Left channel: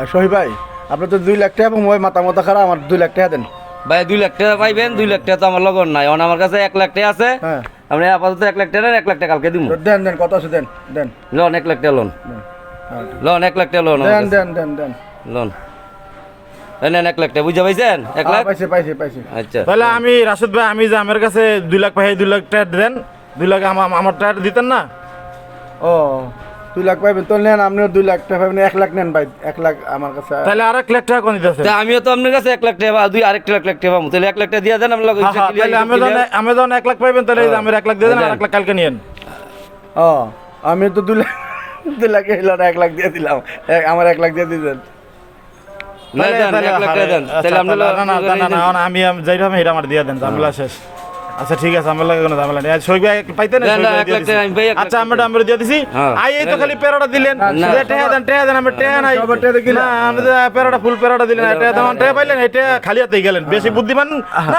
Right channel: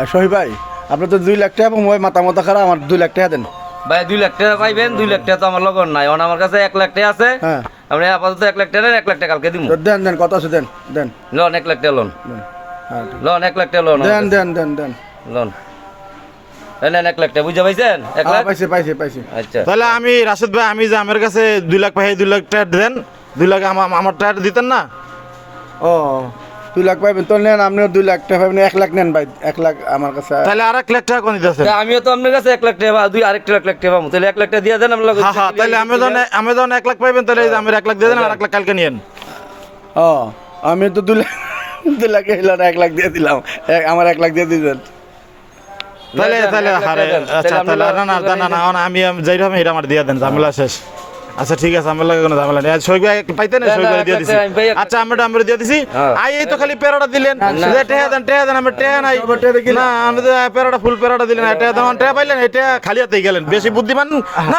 আর ভাই আপনি তো দুই লাখ টাকা এবং মাথা মাথা খারাপ আমার দুই লাখ টাকা দেন ভাই দুই লাখ টাকা পাইবেন দুই লাখ টাকা তো আমার লগন নাই আমার কাছে এক লাখ টাকা আছে হ্যাঁ আপনি আপাতত এক লাখ টাকা এক লাখ টাকা কালকে দিব দেন দেন কত আছে দেন দেন লোন এক লাখ টাকা লোন হ্যাঁ, লোন এক লাখ টাকা লোন দেন দেন দেন দেন লোন নেন এক লাখ টাকা পাইছেন এক হ্যাঁ, লাখ পাইছি পাইছি পাইছি আচ্ছা তাহলে আমি রাশেদ ভাই আমি যে আমার কাছে দুই লাখ পাই দুই লাখ টাকা দেন দুই লাখ আমার আমার টাকা দিতেন না ও দুই লাখ পাইবেন তো নেন আপনিও দুই লাখ টাকা পাইবেন এক লাখ নেন ভাই এক লাখ আমার কাছে তাহলে আর এক লাখ টাকা কোন দিতেছে আমিও তো আপনার কাছে এক লাখ টাকা দুই আরেকটা এক লাখ টাকা পাবো তাহলে এক লাখ টাকা দিয়ে দেন আমি লগে তাহলে আমি যখন আমি যখন এক লাখ পাইবেন তাহলে এই যে আমার এক লাখ দিয়ে দেন আর এক লাখ কালকে নিয়েন ও আমি তো দুই লাখ দুই লাখ এলো এক লাখ দিয়ে দিলাম এক- আমার এক লাখ দিয়ে দিবেন তাহলে তাহলে এক লাখ টাকা দেন আচ্ছা, তাহলে আপনি না না না আমি আমি যাই হবে এটা আমার দিয়ে দেন ঝামেলা শেষ আচ্ছা ঠিক আছে আমার লাগে কোনো ঝামেলা নেই। সৈক ভাই পাইতে না? না, শৈব ভাই দিয়ে দিছি। আচ্ছা আমরা আমরা দিয়ে দিছি। হ্যাঁ। আই এই তো খালি পেরাটা দিলেন। যে টেহা দেন টেহা দেন আমরা টেহা নাই। সব টেহা দেখি না। আমরা পেরাটা ফুল পেরাটা দিলেন টেহা দেন টেহা পাইলেন এটা খালি হাতে গেলেন। বেশি বুদ্ধিমান না